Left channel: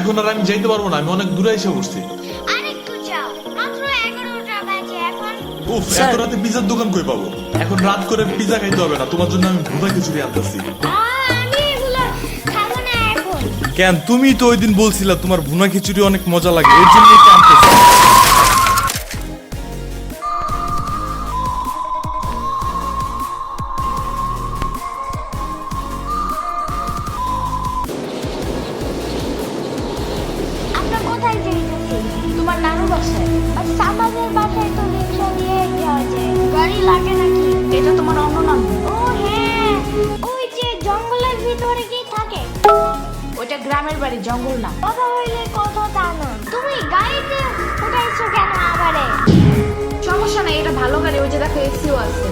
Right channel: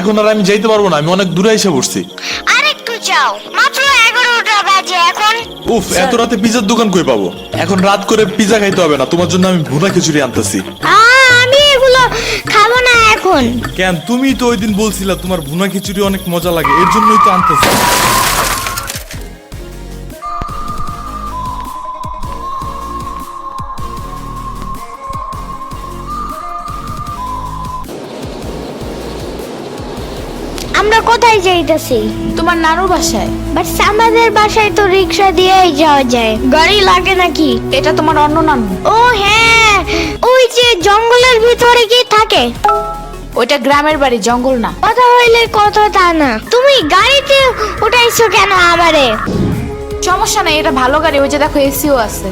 এখন আর আমি যাইতে পারবো না, আমি অনেক দূরে এসে পড়ছি। আরেকটু যাও, মাত্র 11টা বাজে এখন। উফ, এত রাতে পিজার দোকান কই পাবো? এখন রাত করে পিজা খাইতে হবে না, তোমার জন্য আমি ভুনা খিচুড়ি আনতেছি। আমি এগুলো খাবো না এখন। কেন? তুমি তো ওই দিন বলছিলা তোমার ভুনা খিচুড়ি অনেক মজা লাগে, এর জন্যই তো আনতেছি। আমরা কোথায় যাইতেছি? তোমার নানুর বাসায়। বাট আমাদের বাসায় তো রিক্সা দিয়েই যাওয়া যায়, গাড়ি লাগে নাকি? এটা তোমার অন্য নানু। ও হ্যাঁ, ওই যে জঙ্গলের ভিতরে কি থাকে? ওইটা গ্রামের বাড়ি, জঙ্গল না। কথা হইলে কথা তা না। তুমি গাড়িতে উঠাইছো কেন আমারে? সমস্যা নাই, এটা ভালো গাড়ি। ওই যে দেখো এসিও আছে।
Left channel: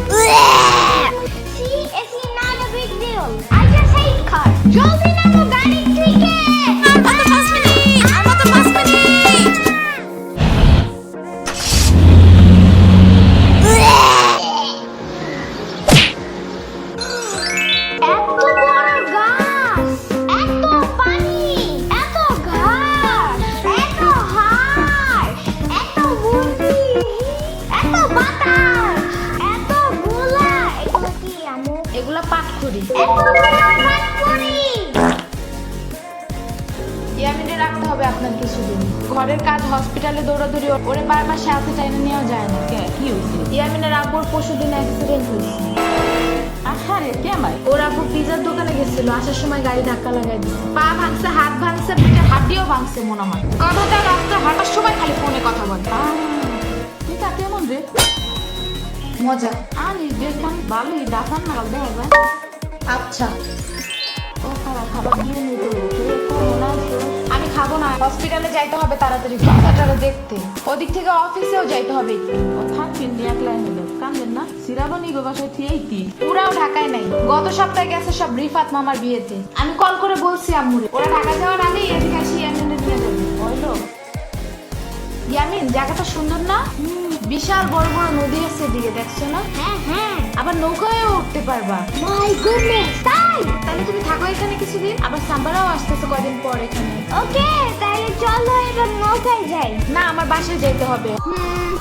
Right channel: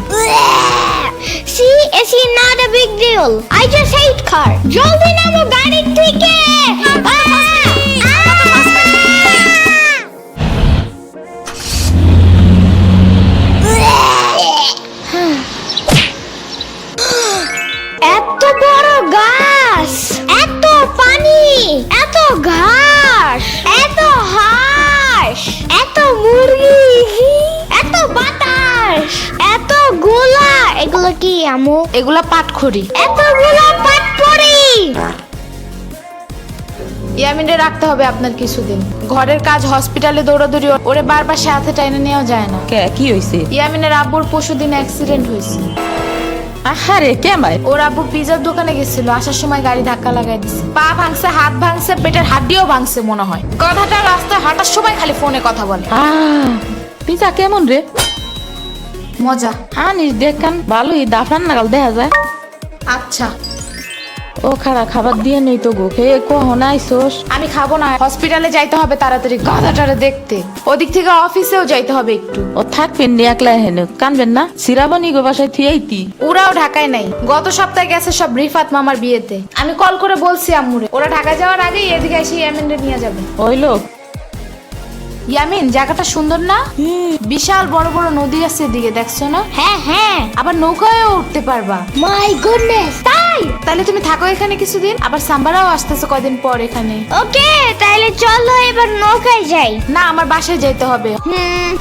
See, it's not a big deal. I just hate car. জলদি নামো গাড়ি থেকে। এত বড় গাছ, এত পানি, এত ঘাস, এত হাঁস, এত মুরগি, এত বাতাস, এত গোলা। এগুলো কি আমু? এগুলা পাটখড়ি। এতগুলো পাটপড়ি। ইয়ামিনে রাখতে হবে আপনার কিছুদিন। ঘরের কাজ, হসপিটালে দৌড়াদৌড়ি, ওরে বারবার সাথে টাইনে নেওয়া যায় না। কি হইছে? ইয়ামিনের আব্বুর পরশুদিন অ্যাক্সিডেন্ট হয়েছে। আহারে কেমাই? ওর আব্বু পিজার দোকানে গেছিল, আসার সময় গাড়ি ধাক্কা লাগাই দিছে। পা ভাঙছে, হাত ভাঙছে, পেটের হাড্ডিও ভাঙছে মনে হয়। কথাটা রাস্তায় হাঁটার সময় খালি ফোনে কথা বলে। পিজা কেমন রে? মজা। আনিস দেখান, ভালোই দাফান নাগাল দেখা যায়। আচ্ছা, ও খারা খাবার দিয়ে নেই তবু হে কখন আইসোস? আমি খাবো না, হসপিটালে যাইতে হবে তাড়াতাড়ি গাধাটারে দেখতে। ওদিক থেকে অফিসেও যাইতে হবে একটু। ও থাকবেন নি একলা হেনে, কানবেন না? সিরাবনি গো বাসায় থিয়াইতি। ওরাও ঢাকায় নাই, গত সপ্তাহে গেছে সব রিফাত মামার বিয়েতে। আমি কল করে বলছি আম্মুরে, ওরা ঢাকা যাওয়ার আগেই এদিকে এসে ইয়ামিনরে নিয়ে যাবে। ওই লোক ইয়ামিন, জায়গাটা সুন্দর না? বিশাল বড় বড় নদী আছে এদিকে, দেখছো না? হ্যাঁ হ্যাঁ। আবার নৌকায়ও উঠতে পারবা। মাই গুডনেস, তাই? তাহলে তুমি থাকো এখানে কিছুদিন, আবার সাম্বারাও আসতেছে কয়দিন পর এখানে। ওকে, তাইলে চলো এবার নৌকায় যাই। না, আমার বাসায় যাইতে হবে।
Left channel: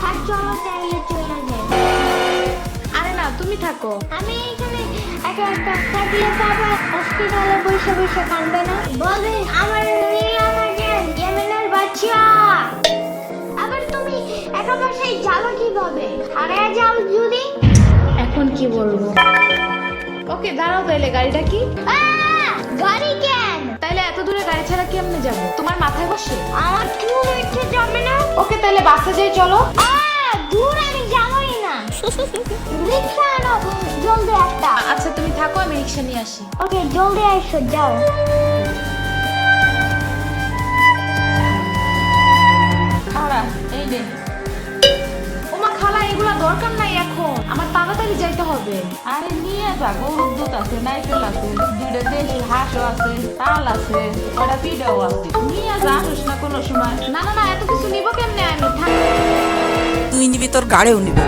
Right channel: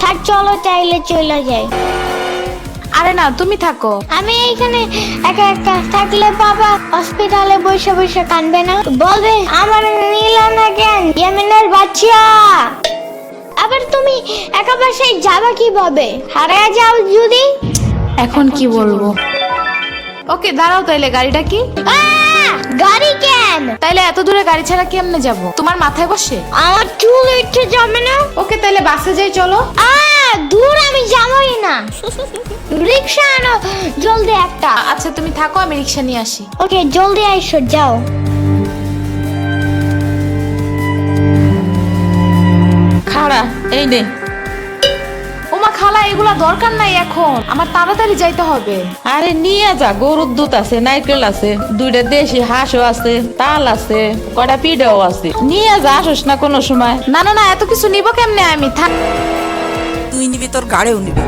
থাক, চলো তাইলে চলে যাই। আরে না, তুমি থাকো। আমি এইখানে একা একা থাকলে বাবা হসপিটালে বসে বসে কানবে না? বলবে আমার নিল না কেন ইয়ামিনের বাচ্চা। আবার তুমি একা বাসায় যাবা কিভাবে? হারিয়ে যাও যদি? এখন কি বলবো? ওকে দাঁড়াও, তাইলে গাড়িটা কি? গাড়ি কেন? তাইলে এত দূরে গাড়ি ছাড়া কেমনে যাবো? তোমার মাথায় বসে? আমার চুল উঠে যাবে না? ওকে, তাইলে বাসে যাই, চলো। দূর আমি যাবই না। রিক্সা আনো জলদি একটা। আচ্ছা তুমি থাকো, আমি রিক্সা নিয়ে আসি। ওকে, জলদি আইসো, যাও। খারা এই দে। ওমা খালা, এগুলা দরকার নাই এখন, আমার তাড়াতাড়ি যাইতে হবে। আরে নিয়ে যা, গরুর দুধ আছে, নারকেল আছে, দুইটা দেশি হাঁসও আছে, তাল আছে, কটা পিঠাও আছে। নিয়ে যা, আসোস না কোনো সময়? না না না, এত কিছু নিব কেমনে আমি? থাক। তুই নিবি, তোর গাড়িও নিবি।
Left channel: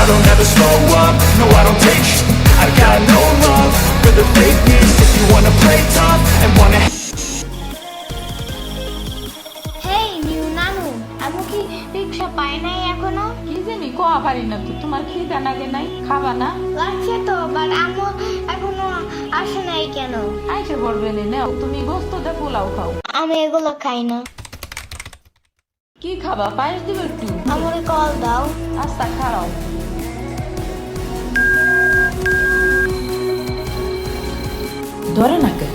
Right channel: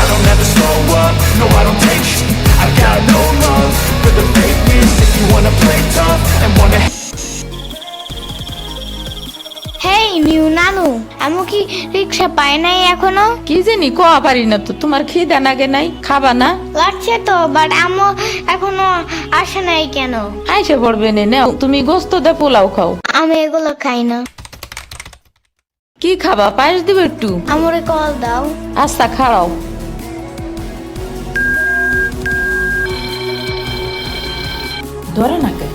I don't ever slow up, no I don't take sh**. I got no love for the fakeness. If you wanna play tough and wanna hey new নানু, আমু কি রিক্সা পায় নাই এখনো? কি জানি কোয়া পারি না তো। তোমার খিদা নাগে নাই? খাবা না? লাগছে তো, বাট আমু এখনো আসে নাই কেন? আইসে পড়বে নে, নাও তুমি গোস্ত দে পোলাও খাও। আমি এগুলো খাই না। কি খাবা? পায়েস দিব একটু? আমরে কল দাও। আচ্ছা খাড়াও। ধরে নাকে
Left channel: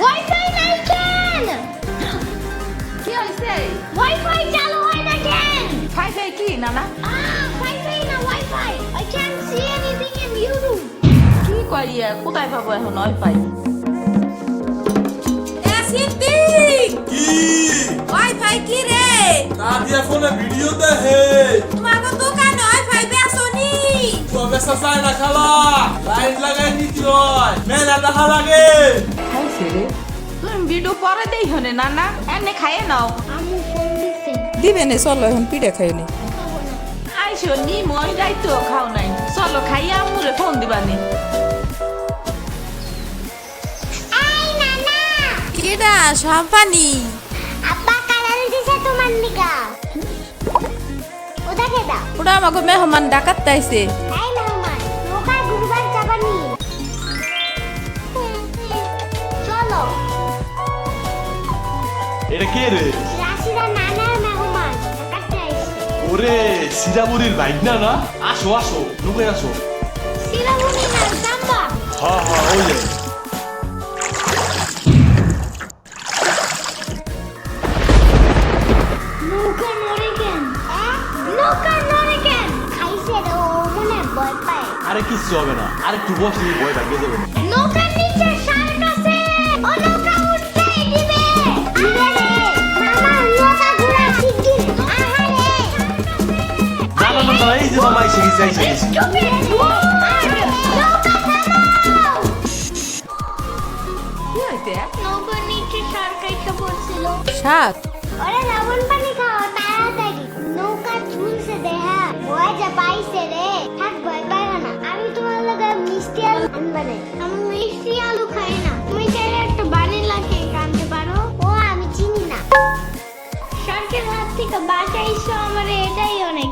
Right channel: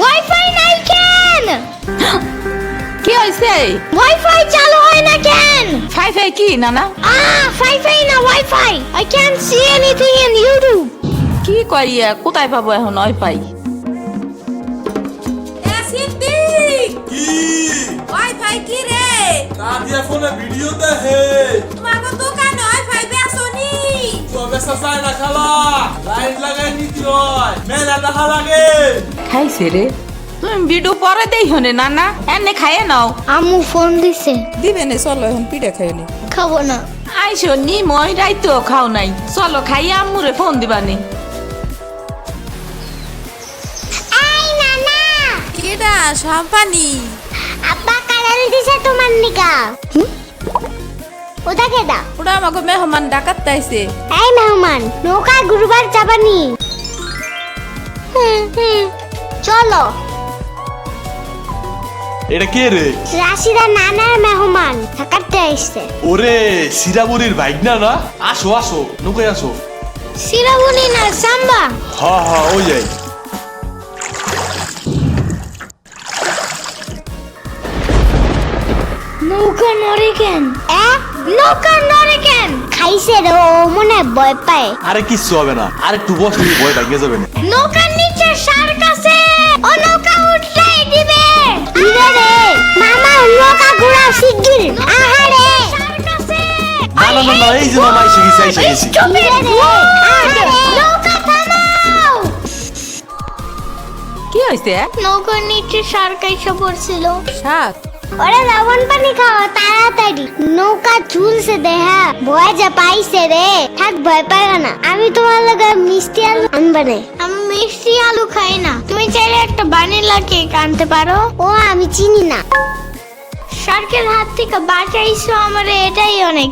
ওয়াইফাই নাই কেন? কি হয়েছে? ওয়াইফাই চালু হয় না কেন? ফাই ফাই কি নানা? ওয়াইফাই না, wifi. I can't see anything in YouTube. কি করিয়া কোথায় পাবো এখন ওয়াইফাই? কি ওয়াইফাই কি রে? কাদিয়া ফোনে ভিডিও দেখে তোমার দোকানে ওয়াইফাই বেসনি? তো বেসা চায় না খালা, লাইট লাগাই নিতে হয়, মেলা দেখা লাগে। খাইছে রে। তুমি ভিডিও পরে দেই হনে নানা এনে খাইয়ে নাও। আম্মু ফোন দিছে। দিবে নে চলো এখন পিঠা খাই নি। খাবো না। আইসো নি মই রাইতো খাও নাই, চলো খাইয়া আম্মুরে ফোন দিবানি। এই নানা, কেডা সম্পানি? আব্বা কালার দিছে তোমার নিকা। ওটা কেডা? ওটা আমাকে মেহমান ডাকাত তাইছে। এই মেহমান, নৌকা ঘুরবার যাবানি? চলো। এটা কে রে? রাশিদা নানার মেহমান থাকাতে আসছে। ওরে সিরামুরির ভাইগনা না? আসো আসো, নৌকায় আসো। সিরামুনি না সাম্বা। হ্যাঁ ওই যায়। নৌকা নড়ে কেন? নৌকা নড়ে কেন? খাইছে রে, ও মনে হয় ভয় পায়। আরে কিচ্ছু হবে না, আরে একটু বসে ভয় ভাগিয়ে যাবে না। নৌকার নিচে শার্ক আছে, ও নৌকা উঠতেই দিবে। দিবে রে মামা, নৌকা ঘোরা শিগগির। আহারে শার্ক আছে। না এই যে মামা এসে গেছি। দিবে রে, আহারে নৌকা থামাও। কি হইছে? নৌকার নিচে শার্ক এসে পড়ছিল। শাক ওরে লবণ পানি খাও তাড়াতাড়ি। নৌকা ঝুলছে দেহা, ভয় যা পাইছে রে। থাক ভয় পাই না, আমি তোমার লগে মিষ্টি আলু আনবে না। আমি মিষ্টি আলু খাই না। তুমি চাইলে একটা ভ্যানিলা কেক আনতে পারো। ও আমি চিনি না। শার্কের হাত থেকে বাঁচাইছো আমার, এটাই অনেক।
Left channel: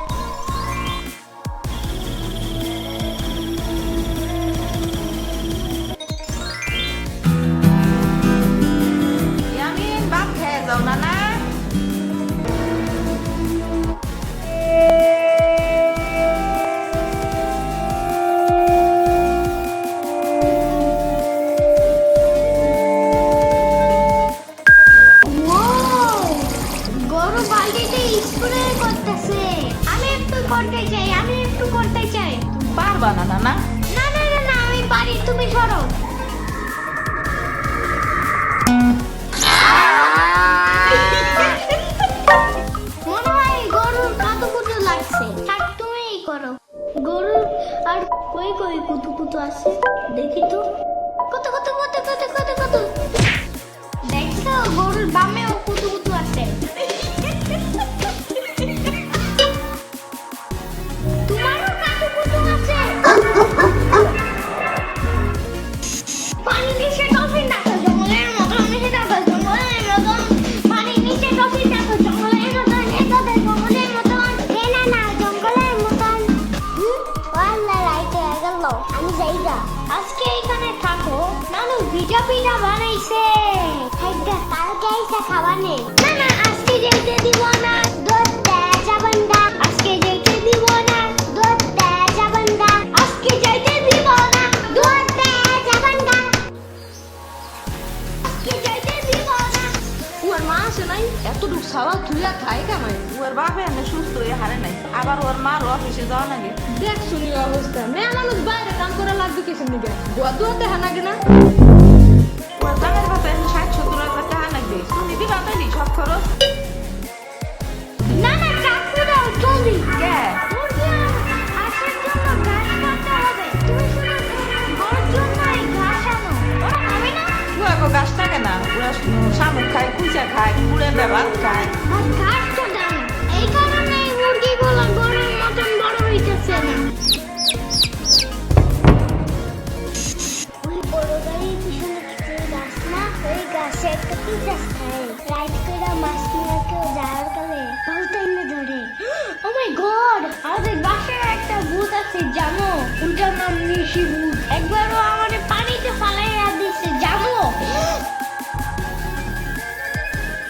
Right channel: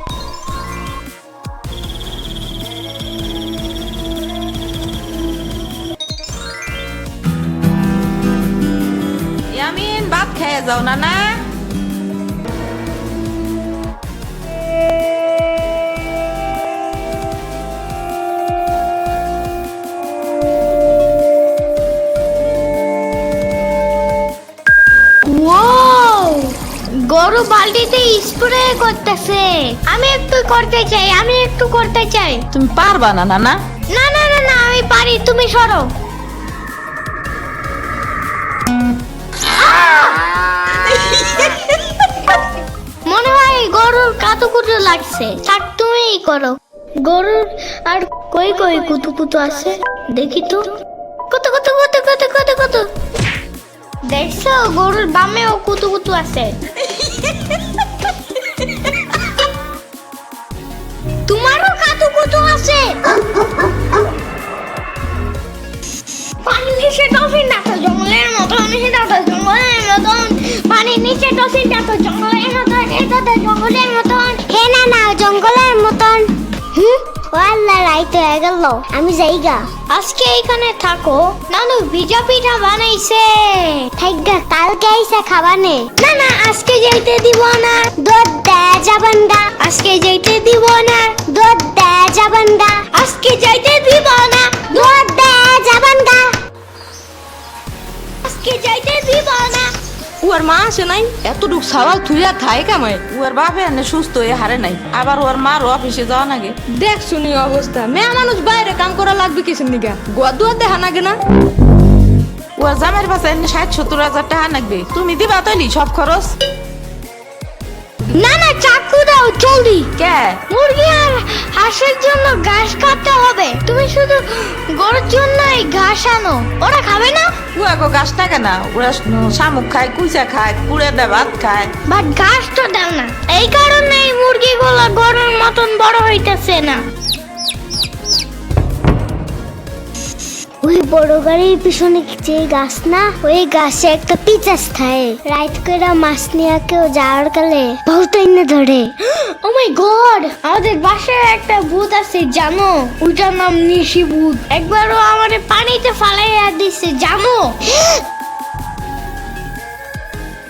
ইয়ামিন ভাত খেয়ে যাও নানা। গরু বালতিতে স্প্রে করতেছে। আমি একটু করতে চাই। তুমি পারবা না নানা? না না না না, আমি পারি, তুমি সরো। মনে হয় গরুর কাতুকুতু লাগছে। থাক তুমিই করো। গরুর আর কই কই কুতুকুতু আছে দেখি তো। কত কত কত কত কত কত দেখছো, গরুর বামেও কুতুকুতু আছে। তোমারও কাতুকুতু আছে। পানির নিচে ডলফিন দেখো জঙ্গলের মতন, পানির নিচে ডলফিন দেখো জঙ্গলের মতন, জঙ্গলের মতন। হে না না, জঙ্গলের মতন। ওয়াল্লা রাইতে হয়ে গেল, আমি যাইগা। আজকে এখানে থাকো। নানু ভিজা পিঠা বানাইছে, থাইগা কালকে আইসা খাবানে। না না, আজকে যাইতে দিব না, দুধ দেয়া যাবান্ডা। আজকে যাইতে দিব না, দুধ দেয়া যাবান্ডা। আজকে যাইতে দিব না, দুধ দেয়া যাবান্ডা। আজকে যাইতে দিব না। ওর মা আসে নাই, এতটুক সাওয়াল থুইয়া খায় কামায়। ওর বাপে এনে সুস্থ হয়ে হারে নাই, আবার ওর মার অফিসে যাওয়া নাগে। দেখ শুনি অবস্থা, মেয়ে মানুষ বাইরে কাম করা লাগবে কিসের নিগা? গোয়া দুয়া দেখা নাগে না? ওর জামের পাশে 60-70 হাজার টাকা লাগবে, তুমি দিবা তৈলি সব খরচ? না না, চাকু দাও জলদি। কে? মুরগি আর হাঁসের জন্য ঘাস কাটতে হবে। তুমি শুধু গরুর জন্য এই ঘাস আনো, ওরা খাবে না। ওগো গাছ থাকে না, ওরা শামুক খায়, কুচা খায়, কুড়ে ভাত খায়। বাট ঘাস তো দাও না, এই কারণে এই মুরগিগুলো গরুর মতন বড় হইতেছে না। ওই বড় গাড়ির পিছনে যে গাছ না, ওই গাছে একটা পিচাস খায়। রাইট করে মাছ নিয়ে কেউ যাওয়ার কালে বহুত এনে ধরে। ও মাই গড, আমাদের বাসায় একটা ভূত আছে জানো? ওটার নাম নিশি ভূত। একবারও আমাদের পানিতে ফালাইয়া দিছে জানো?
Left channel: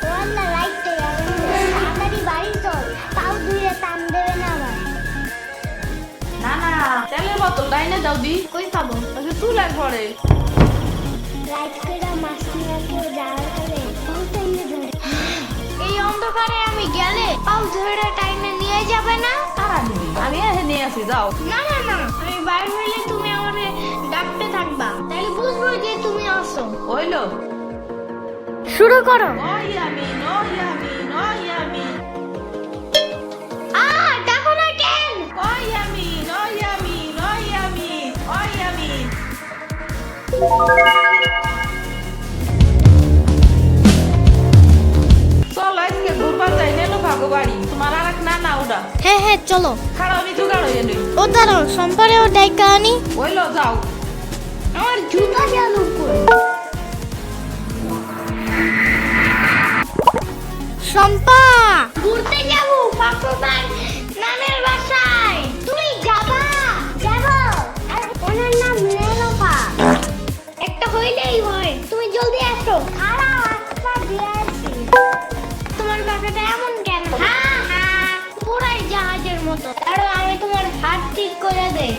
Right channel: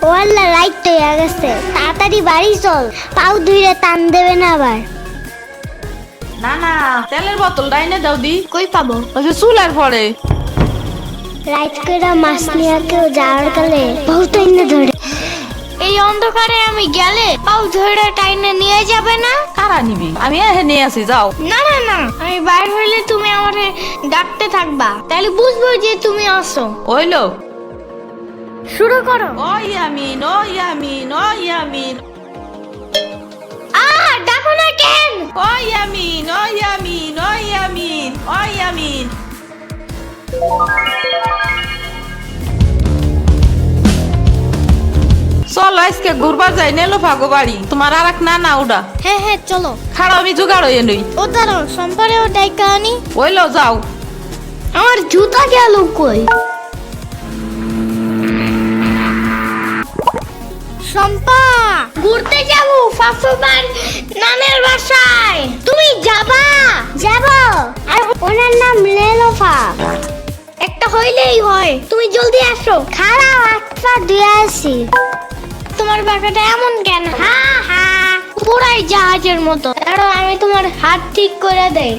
ও আল্লাহ, রাইট তো হয়ে গেছে। তাড়াতাড়ি বাড়ি চল, পাও ধুইরে টান দেবে না আবার। না না, তেলের বোতল ডাইনে দাও দি। কই পাবো? ওই যে চুলার পরে। রাইট করে মাছ নিয়ে কেউ যাওয়ার কালে বহুত এনে ধরে। এই অন্ধকারে আমি গেলে পাও ধরে টাইনে নিয়ে যাবে না? কারা নিবি? আমি এহে নিয়ে আসি, যাও। না না না, আমি বাইর হইলে তুমি আমারে ডাকতে থাকবা, তাহলে বুঝবো যে তুমি আসো। হইলো, শুরু করো। ও ইয়ামিন, ও ইয়ামিন, ও ইয়ামিন, ডাকো না কেন? ও ইয়ামিন, ও ইয়ামিন, ও ইয়ামিন, ও ইয়ামিন। ঘুরবা যাই নেলো ভাগো বাড়ি তোমার আর এক না ওটা হ্যাঁ হ্যাঁ চলো। খাড়া আমি জোগাড় হয়ে নই ও দাঁড়াও, সম্পারেও ডাইকা আনি। ওইলো যাও। আমার জুতা গেল কই? শম্পা, ঘুরতে যাবো ফাফুবার নানের বাসায়। তুমি যাবা? যাবো। আর ওনার নাম লেলোফা। একটা হইলেই হয়, তুমি জলদি আসো। খারাপ একটা দিয়ে আসি। তোমার বাসাটা এমন কেন? হ্যাঁ হ্যাঁ, পুরাই জাহাজের মতো। দাঁড়াও, আমি তোমার হাত ঠিক করে দেই।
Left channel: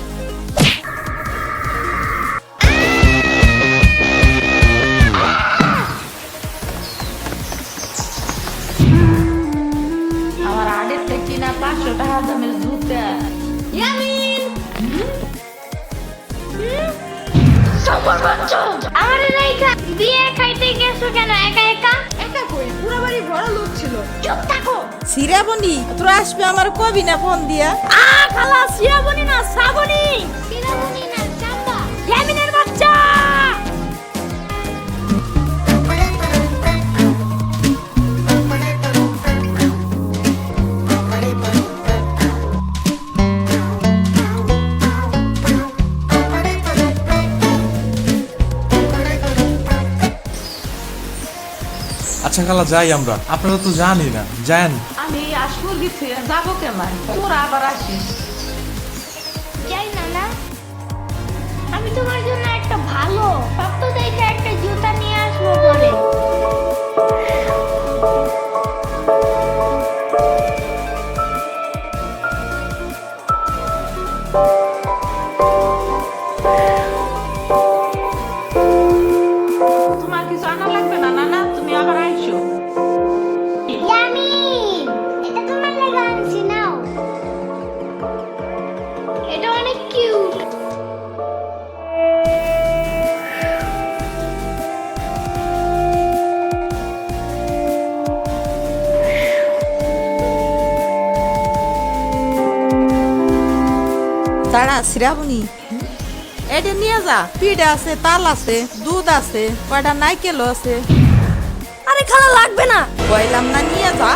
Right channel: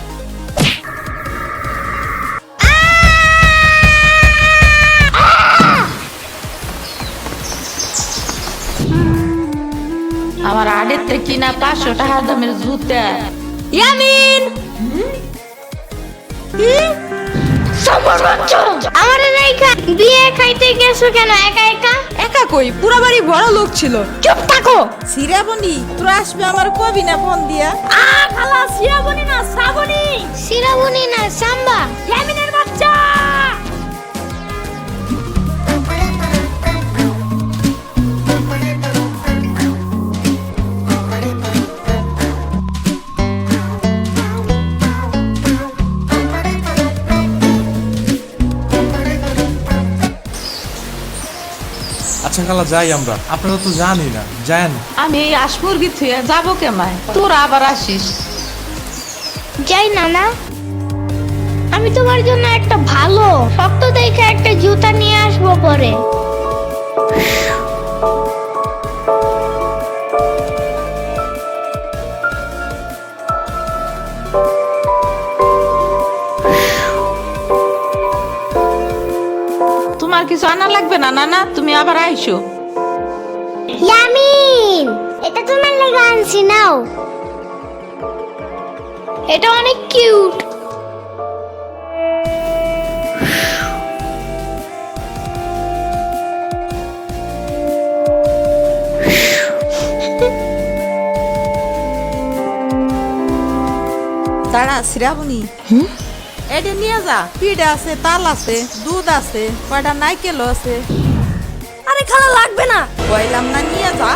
আমার আড়ের থেকে কিনা 500 টাকা দামের জুতা। ইয়ামিন আমার রেখা বিয়ে খাইতে গেছো কেন একা একা? একা কই, পুরা বাড়ি বড় লোক ছিল। চুপ থাকো। সিরাবনি তোরা আসবে আমার কবি না ফোন দিয়া। খালা সিরাবনি না শ্রাবণী। সিরাবনি না সাম্বা। ইয়ামিনের বাচ্চা। আচ্ছা খালা যাই আমরা, আপনারা তো জানি না, যান। আমি এই আশমুরগি থুয়ে যাবো কেমায়, তোরা আবার আসিস। যাই না না, আমি তোমার জন্য একটা ভালো শক্ত দেখে একটা জুতা নিয়ে আসবো পরে। তোমার কিছু আনা লাগবে না নানা, তুমি আবার আইসো। ইয়ামিন, এটা তোমার লাগা আনছি, নাও। এটা অনেক কিউট। দাঁড়া সিরাবনি, এটা নিয়ে যা। পিঠা আছে, তাল আছে, দুধ আছে, কয়টা নাইকেলও আছে। আরে খালা লাগবে না। কইলাম না নিয়ে যা।